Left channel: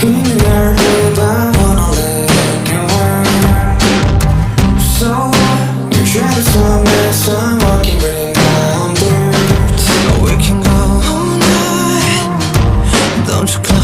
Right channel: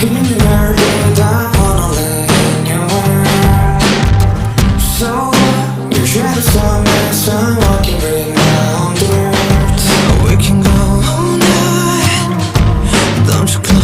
힘이 날 다 wanna live in your world. So your shadows on me, so I'm walking right now on dirt. We can go all night. Don't you close